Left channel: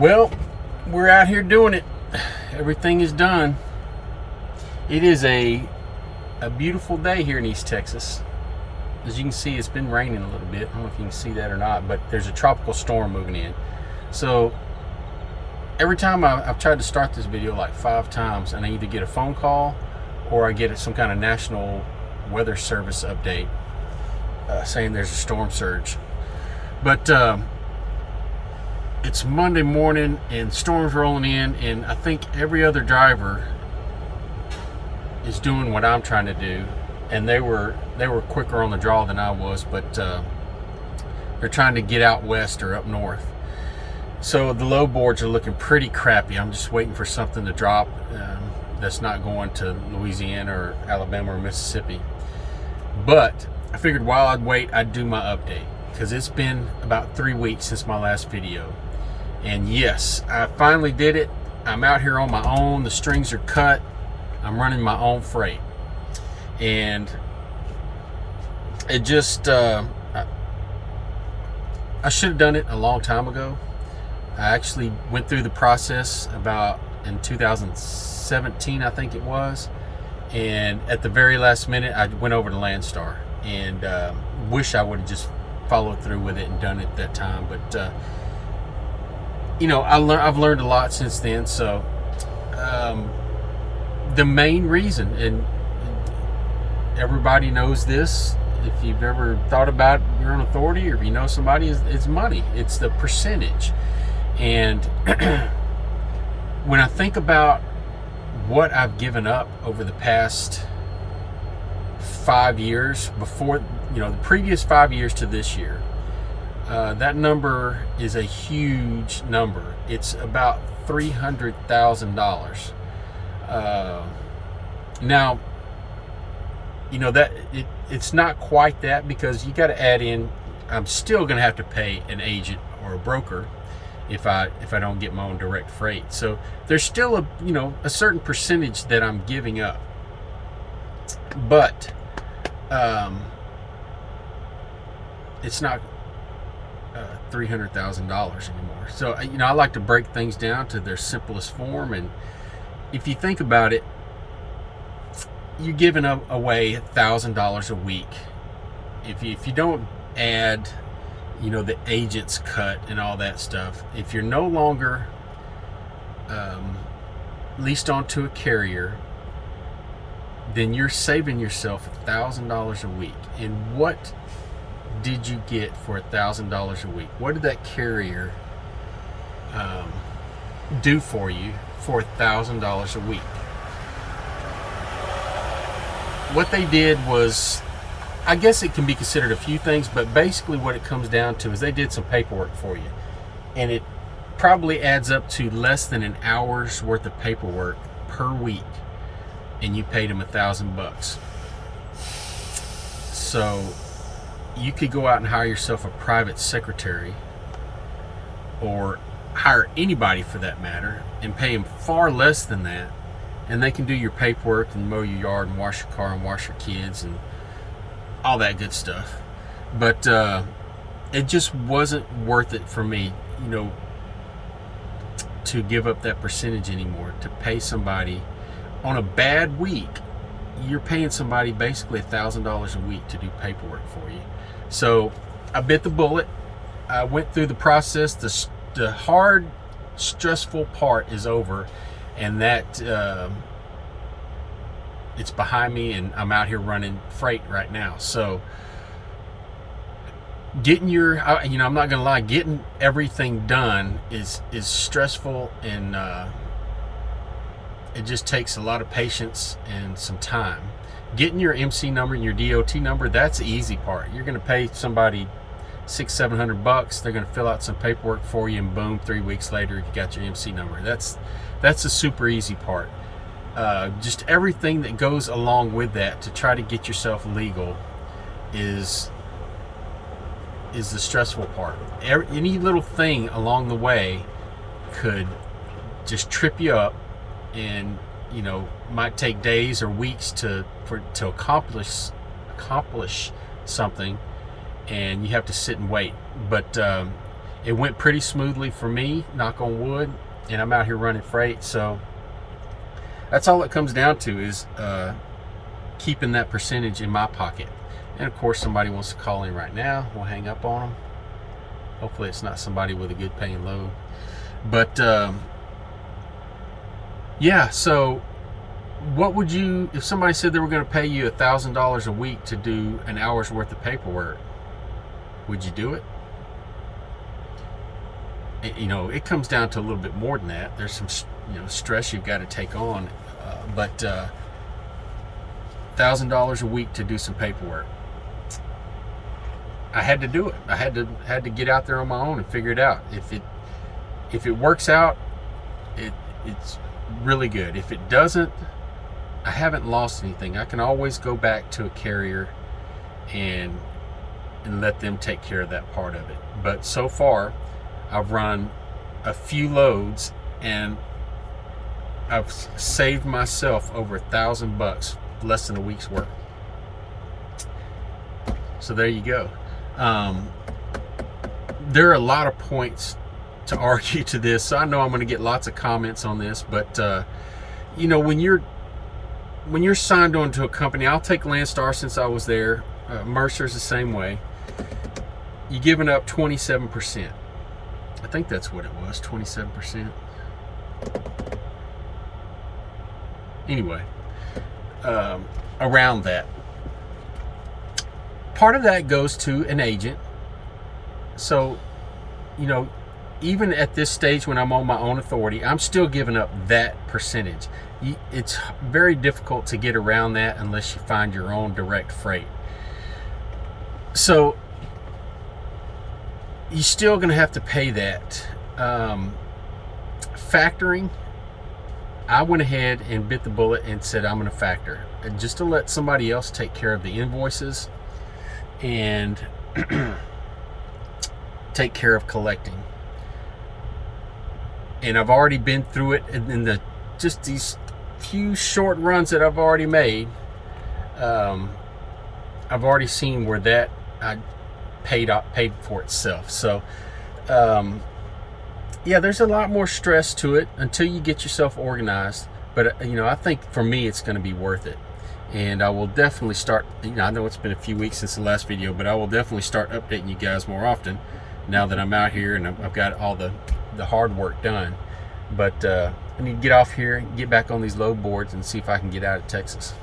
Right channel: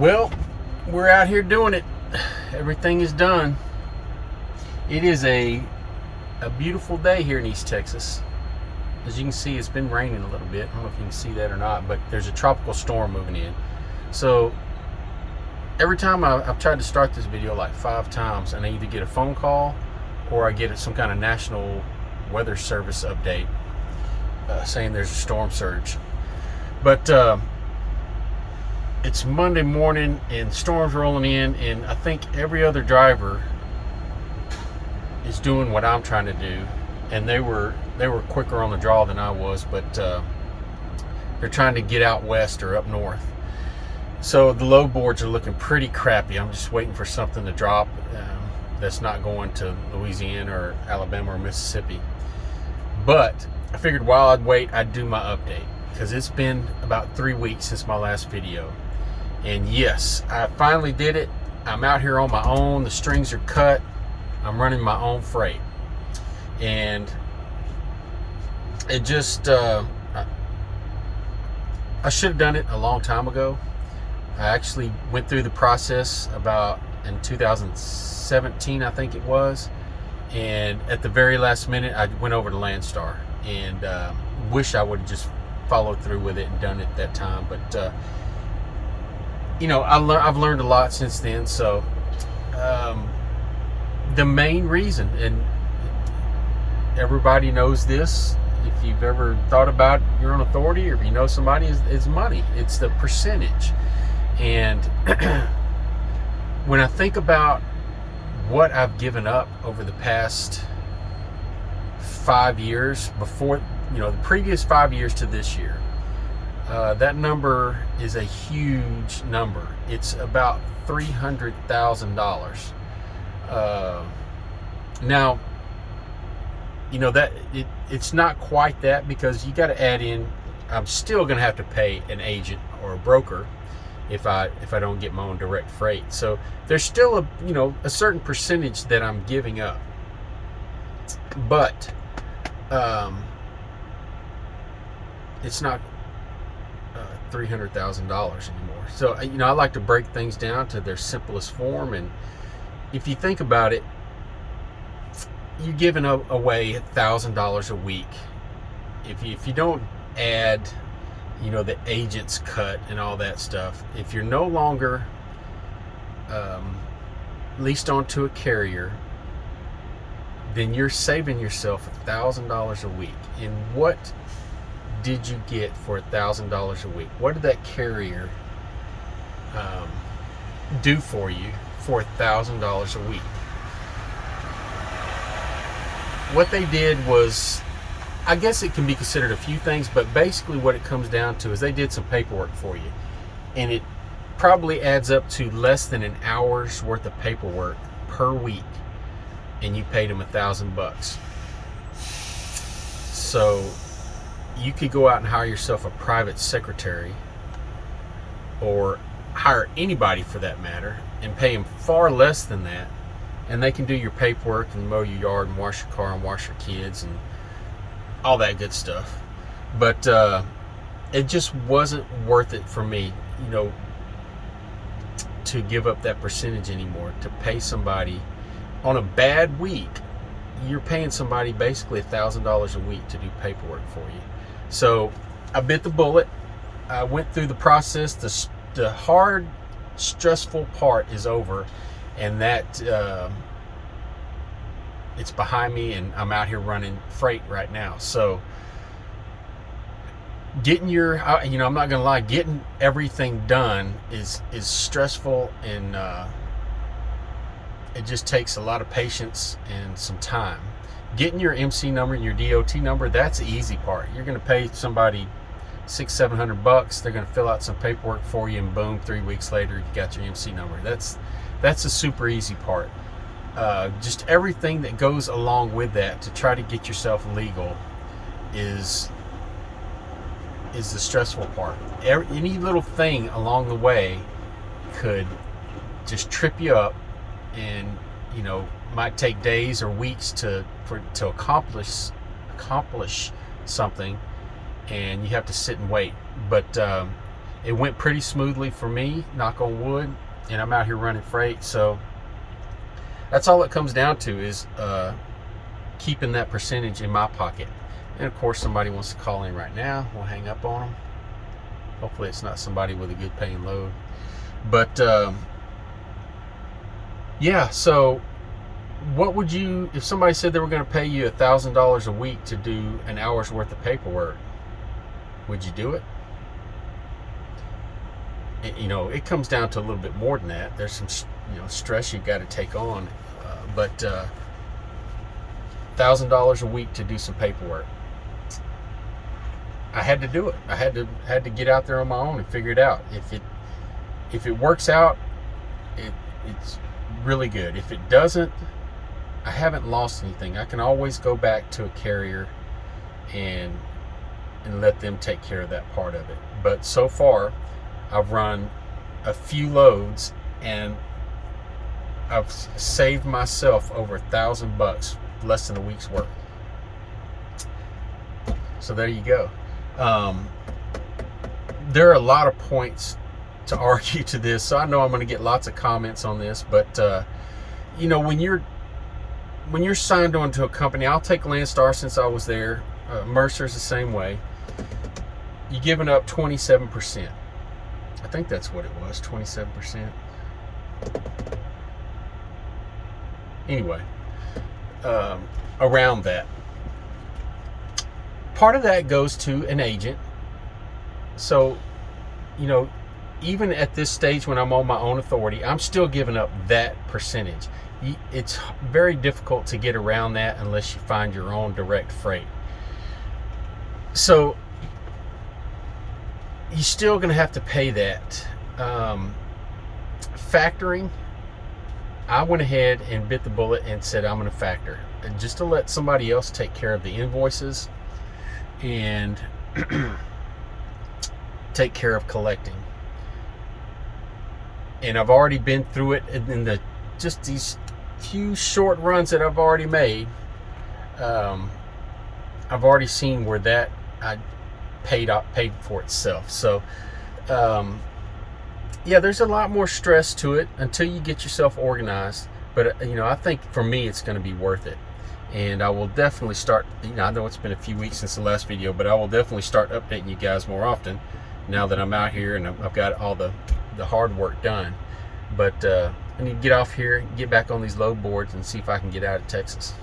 Well, we're out here doing it. Everything is done. It is a beautiful day here in East Texas. As you can see, it's been raining a little bit. I don't know if you can see that or not, but there's a tropical storm moving in. So every time I've tried to start this video like 5 times, and I either get a phone call or I get some kind of National Weather Service update saying there's a storm surge. But it's Monday morning and storm's rolling in, and I think every other driver is doing what I'm trying to do, and they were quicker on the draw than I was, but they're trying to get out west or up north. So the load boards are looking pretty crappy. I'm just waiting for something to drop that's not going to Louisiana or Alabama or Mississippi. But I figured while I'd wait, I'd do my update, because it's been about 3 weeks since my last video. And yes, I finally did it. I'm out here on my own. The strings are cut. I'm running my own freight. And it just, I should have done it a long time ago. I actually went through the process about in 2017, I think it was. And at the very last minute, I went over to Landstar, and wish I would have just followed through with it and done it that time. But you know, I've learned a lot since then. So the main reason, and everybody knows this, if you've ever thought about your own authority, or if you know somebody, is money. It's the percentage. And when I think about what I've given up over the past 5 years, before, you know, the previous 5 years to this year, that number is a huge number. It's about $300,000. Now, you know, that it's not quite that, because you got to add in, I'm still going to have to pay an agent or a broker if I don't get my own direct freight. So there's still a certain percentage that I'm giving up. But it's not $300,000 anymore. So I like to break things down to their simplest form. And if you think about it, you're giving away $1,000 a week. If you don't add, the agent's cut and all that stuff, if you're no longer leased onto a carrier, then you're saving yourself $1,000 a week. And what did you get for $1,000 a week? What did that carrier do for you for $1,000 a week? What they did was, I guess it can be considered a few things, but basically what it comes down to is they did some paperwork for you, and it probably adds up to less than an hour's worth of paperwork per week, and you paid them $1,000. So you could go out and hire yourself a private secretary, or hire anybody for that matter, and pay them far less than that, and they can do your paperwork and mow your yard and wash your car and wash your kids and all that good stuff. But it just wasn't worth it for me, to give up that percentage anymore, to pay somebody on a bad week. You're paying somebody basically $1,000 a week to do paperwork for you. So I bit the bullet. I went through the process. The hard, stressful part is over, and that it's behind me, and I'm out here running freight right now. So getting I'm not gonna lie, getting everything done is stressful, and it just takes a lot of patience and some time. Getting your MC number and your DOT number, that's the easy part. You're gonna pay somebody $600-700. They're gonna fill out some paperwork for you, and boom, 3 weeks later you got your MC number. That's the super easy part. Just everything that goes along with that to try to get yourself legal is the stressful part. Any little thing along the way could just trip you up, and might take days or weeks to accomplish something, and you have to sit and wait. But it went pretty smoothly for me, knock on wood, and I'm out here running freight. So that's all it comes down to, is keeping that percentage in my pocket. And of course, somebody wants to call in right now. We'll hang up on them. Hopefully it's not somebody with a good paying load. But yeah, so what would you, if somebody said they were going to pay you $1,000 a week to do an hour's worth of paperwork, would you do it? You know, it comes down to a little bit more than that. There's some, you know, stress you've got to take on, but $1,000 a week to do some paperwork. I had to do it. I had to get out there on my own and figure it out. If it works out, it's really good. If it doesn't, I haven't lost anything. I can always go back to a carrier and let them take care of that part of it. But so far, I've run a few loads and I've saved myself over $1,000, less than a week's work. So there you go. There are a lot of points to argue to this, so I know I'm going to get lots of comments on this, but you know, when you're signed on to a company, I'll take Landstar since I was there. Mercer's the same way. You're giving up 27%. I think that's what it was, 27%. Anyway, around that. Part of that goes to an agent. So, you know, even at this stage when I'm on my own authority, I'm still giving up that percentage. It's very difficult to get around that unless you find your own direct freight. So you're still going to have to pay that. Factoring, I went ahead and bit the bullet and said I'm going to factor, just to let somebody else take care of the invoices and take care of collecting. And I've already been through it in just these few short runs that I've already made. I've already seen where that I paid for itself. So yeah, there's a lot more stress to it until you get yourself organized. But you know, I think for me it's going to be worth it. And I will definitely start, you know, I know it's been a few weeks since the last video, but I will definitely start updating you guys more often now that I'm out here and I've got all the hard work done. But I need to get off here and get back on these load boards and see if I can get out of Texas.